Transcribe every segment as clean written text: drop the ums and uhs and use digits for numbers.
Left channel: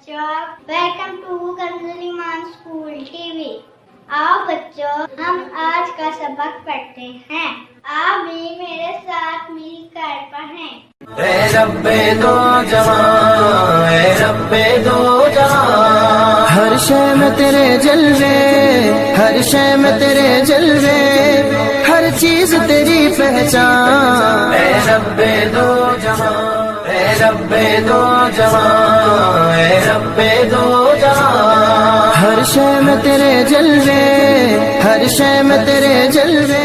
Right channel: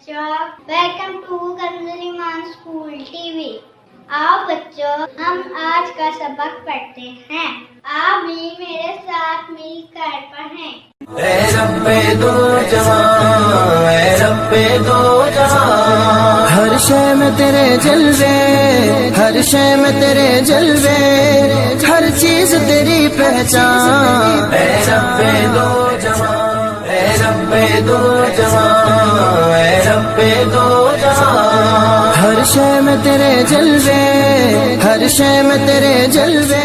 बच्चों, welcome to Kanzul Iman school TV. आओ बच्चों, हम आज का सबक पढ़ते हैं। आप भी मेरे साथ मिलकर पढ़ें। ए रब्बे दो जहां, ए रब्बे दो जहां, हर शय में तेरे जलवे, हर शय में तेरे जलवे, हर चीज तेरी पहचान। ए रब्बे दो जहां, ए रब्बे दो जहां, ए रब्बे दो जहां, हर शय में तेरे जलवे, हर शय में तेरे जलवे।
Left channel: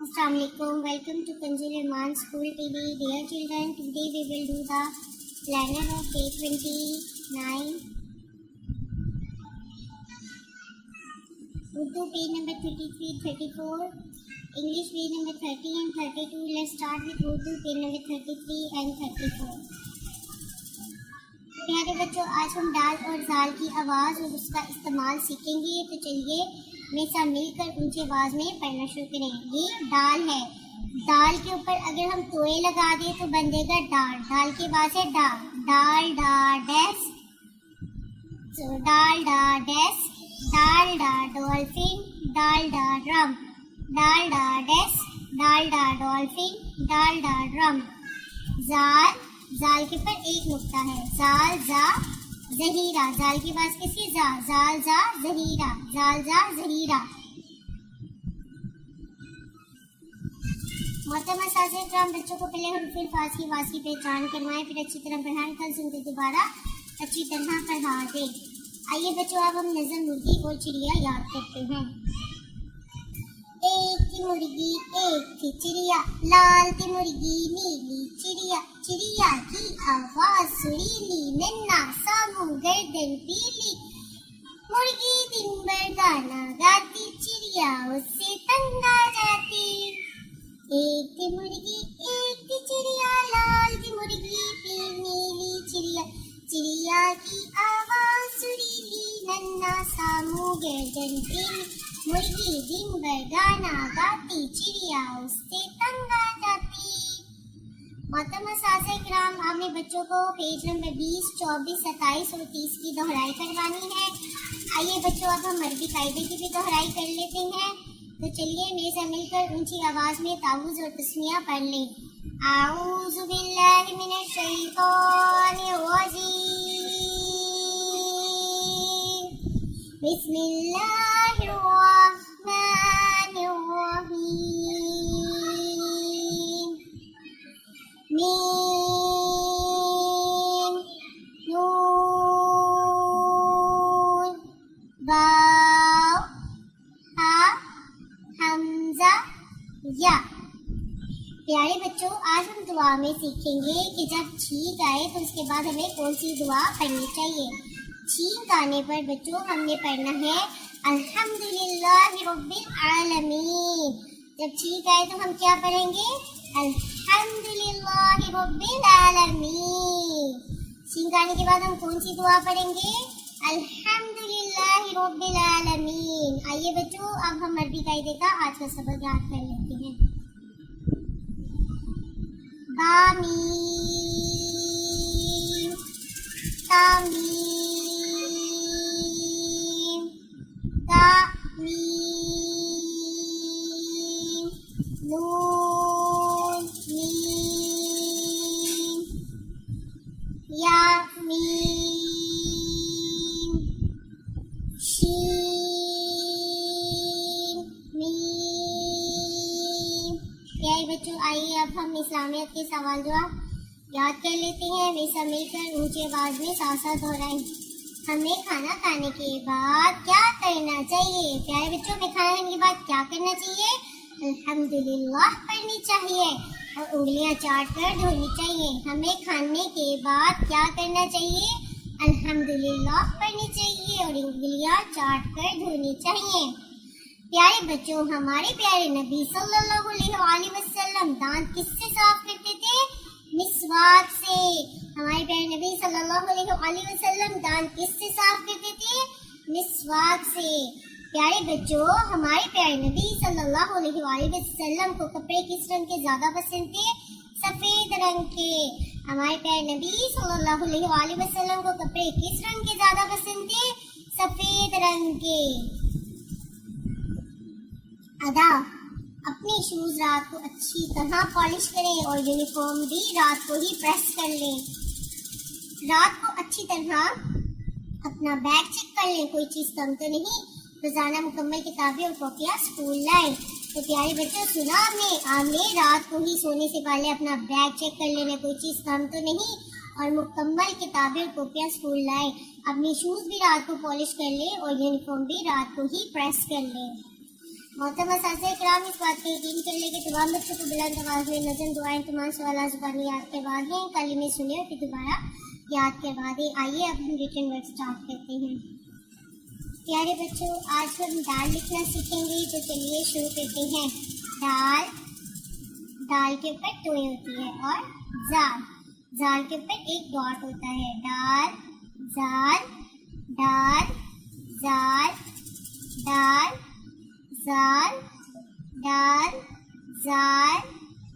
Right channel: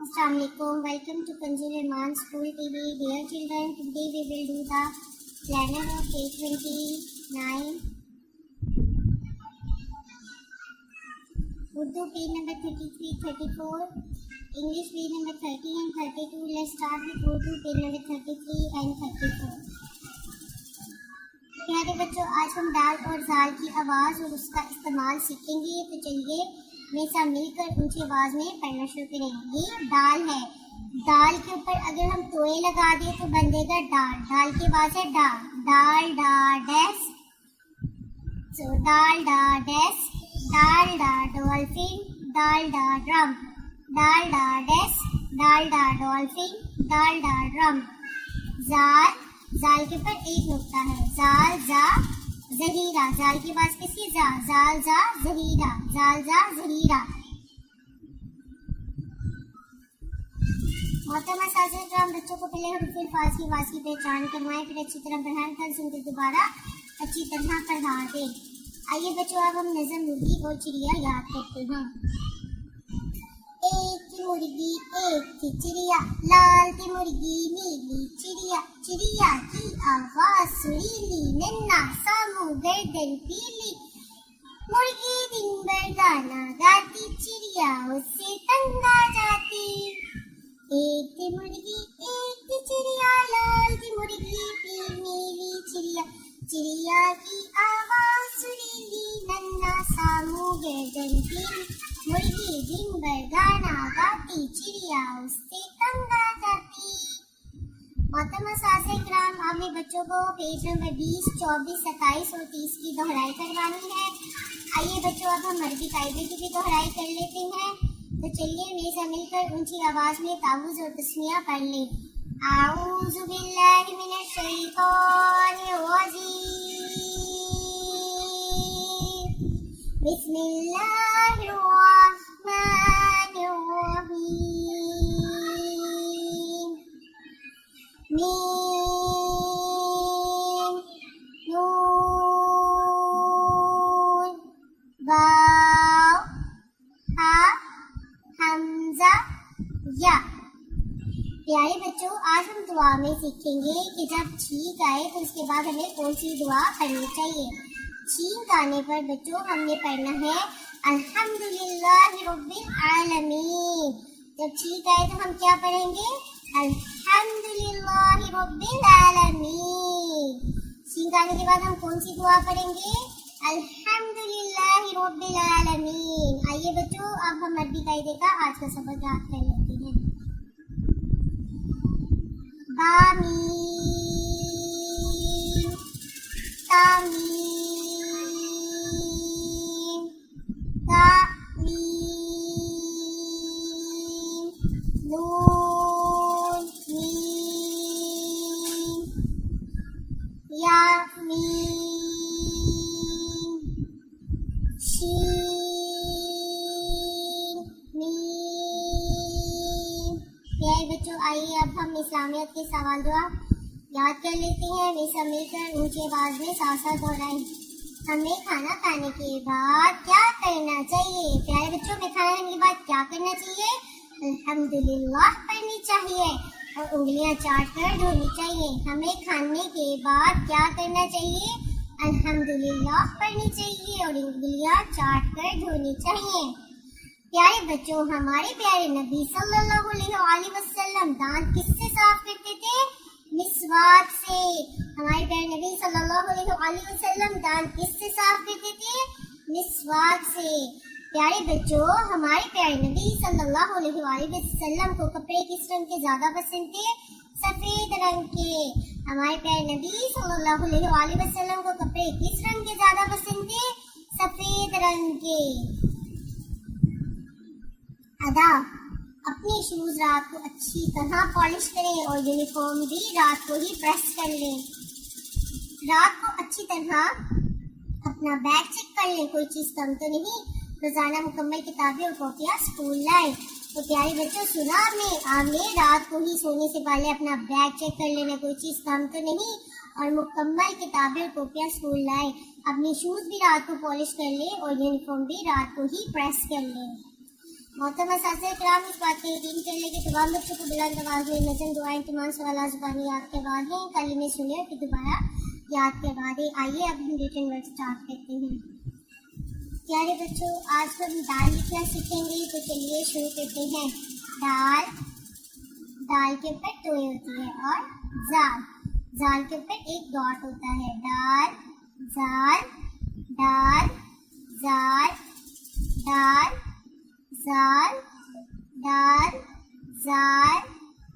Assalamualaikum. Welcome to Kanzul Iman School TV. Dear children, today we will do the planner of day 29. Urdu page number 33, 34. English page number 30 and 32. Let's start with Urdu page number 33 and 34. प्यारे बच्चों, आज हम दाल और जाल की आवाज़ और उसका इस्तेमाल सीखेंगे। तो चलिए मेरे साथ मिलकर ऊंची आवाज़ में पढ़ना शुरू करें। एक दाल है, दाल के ऊपर अगर हम तोए लगा दें तो बन जाएगा डाल। डाल की आवाज़ है डा, डाल डा डैस, सो डाल डा डैस, डाल डा डॉल्फिन, डाल डा ड्रम, डाल डा डेस, डाल डा डॉल्फिन, डाल डा ड्रम। जाल, जाल के ऊपर एक नुक्ता है, जाल जा जहीरा, जाल की बात किसी जा, जाल जा जहीरा, जाल जा जहीरा। मोहतरमा साज़िद इकराम, बच्चों को पहले हम फिर फास की आवाज़ की पहचान करवाएं, फिर अच्छी तरह पढ़ाएं, कल सुनते दोबारा अच्छी तरह पढ़ा दें। आइए बच्चों, अब हम नज़र मुर्गी और चिड़िया याद करते हैं। एक थी मुर्गी, एक थी चिड़िया, लाल थी मुर्गी, नीली चिड़िया, चिड़िया की आवाज सुरीली, नन्हा सा मुंह गर्दन पीली। मुर्गी दिन भर गाना गाती, चिड़िया उससे तंग आ जाती। एक थी मुर्गी, एक थी चिड़िया, लाल थी मुर्गी, नीली चिड़िया, चिड़िया की आवाज सुरीली, नन्हा सा मुंह गर्दन पीली। मुर्गी दिन भर गाना गाती, चिड़िया उससे तंग आ जाती। मोहतरमा साज़िद इकराम, आपने बच्चों को पेज नंबर 20, 24, 27 और 30 की दोहराई करवानी है। आइए बच्चों, अब हम अरबी कायदे की भी दोहराई कर लेते हैं। तो चलिए मेरे साथ मिलकर ऊंची आवाज में ताऊज़ और तस्मिया पढ़ लें। आऊज़ु बिल्लाहि मिनश शैतानिर रजीम, बिस्मिल्लाहिर रहमानिर रहीम। मीम, नून, वाव, हा, हमजा, या। प्यारे बच्चों, आज हम दुआ में सीखेंगे कि जब छींक आए तो उसके बाद हमें कौन सी दुआ पढ़नी चाहिए। छींक आने पर बच्चों हमने पढ़ना है अल्हम्दुलिल्लाहि रब्बिल आलमीन। जब छींक आए तो हम क्या पढ़ेंगे? अल्हम्दुलिल्लाहि रब्बिल आलमीन। छींक आने के बाद हम कौन सी दुआ पढ़ेंगे? अल्हम्दुलिल्लाहि रब्बिल आलमीन। आइए बच्चों, अब हम अरबी कायदे का आज का सबक याद कर लेते हैं। बामीम, तामीम, तामीम, नून, मीम, या, मीम, शीन, मीम। प्यारे बच्चों, आइए अब हम इस्लामियत के सवाल जवाब याद कर लेते हैं। हमेशा मिलकर ऊंची आवाज में साथ साथ दोहराएं। हमें खाना खाने के बाद क्या करना चाहिए? प्यारे बच्चों, हमें खाना खाने के बाद क्या करना चाहिए? अल्हम्दुलिल्लाह पढ़नी चाहिए और उंगलियां चाट कर धोनी चाहिए। हमें खाने के बाद क्या करना चाहिए? अल्हम्दुलिल्लाह पढ़नी चाहिए और उंगलियां चाट कर धोनी चाहिए। प्यारे बच्चों, हमारे प्यारे नबी सल्लल्लाहु अलैहि वसल्लम दांत किससे साफ करते थे? मिसवाक से। हमारे प्यारे नबी सल्लल्लाहु अलैहि वसल्लम दांत किससे साफ करते थे? मिसवाक से। प्यारे बच्चों, हमारे प्यारे नबी सल्लल्लाहु अलैहि वसल्लम को कपड़े किस रंग के ज्यादा पसंद थे? सफेद रंग के। हमारे प्यारे नबी सल्लल्लाहु अलैहि वसल्लम को कपड़े किस रंग के ज्यादा पसंद थे? सफेद रंग के। अदा अपने शूज रात को अच्छी तरह पॉलिश करें और यूनिफॉर्म भी रात को ही प्रेस कर लें। रात को अच्छी तरह अपना बैग चेक कर लें, कोई चीज कम तो नहीं। रोजाना मुकम्मल किताबें और कॉपियाँ स्कूल लाएं। तो प्यारे बच्चों, सुना आपने रात को ही सोने से पहले अपना बैग चेक कर लेना, कोई चीज कम तो नहीं, और मुकम्मल किताबें और कॉपियाँ स्कूल लाएं। अपने शूज भी रात को पॉलिश कर लें और यूनिफॉर्म भी रात को ही प्रेस कर लें। मोहतरमा साथी इकराम, इस बात का यकीन कर लें कि तमाम बच्चों को बुलंद आवाज में नज़म दुआएं तमाम सवाल जुबानी याद के बाद हैं, कल में सुने फिर दोबारा याद के बाद ही। आइए अब हम रिटन वर्ड स्टार्ट करते हैं। प्यारे बच्चों, आज हम दाल लिखना सीखेंगे, तो चलिए शुरू करते हैं। दाल, दाल के ऊपर टोए होती है, और जाल, जाल के ऊपर एक डॉट होता है। दाल, जाल, दाल, जाल, दाल, जाल, दाल, जाल,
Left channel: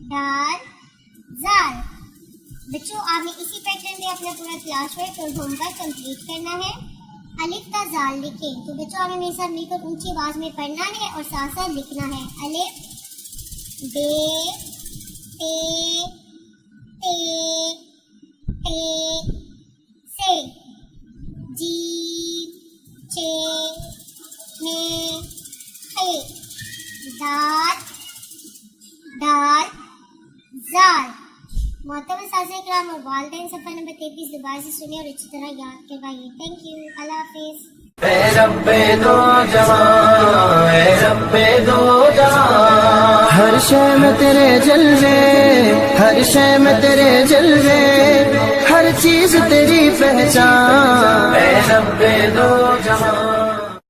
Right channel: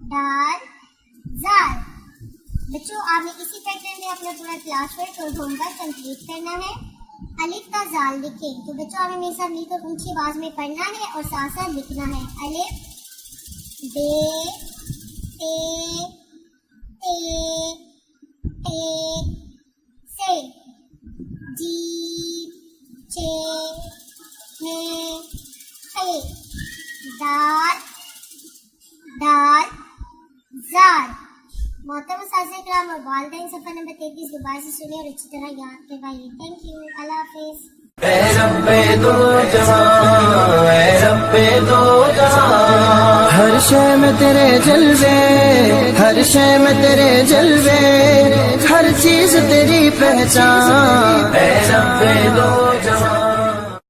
दाल, जाल। बच्चों, आपने इसी पैटर्न में अपना पूरा क्लास वर्क और होमवर्क कंप्लीट करना है। अलिफ का जाल लिखें। तो बच्चों, हमें मेरे साथ मिलकर ऊंची आवाज में पढ़ना है और साथ साथ लिखना है। अलिफ, बे, ते, से, जी, चे, हे, दाल, दाल, जाल। मोहतरमा साथी इकराम और वालिदैन सफ़ा नंबर 33 दोबारा से सुनिए और अच्छी तरह याद करवाइए। Thank you. अल्लाह हाफिज़। ऐ रब्बे दो जहां, ऐ रब्बे दो जहां, हर शय में तेरे जलवे, हर शय में तेरे जलवे, हर चीज तेरी पहचान।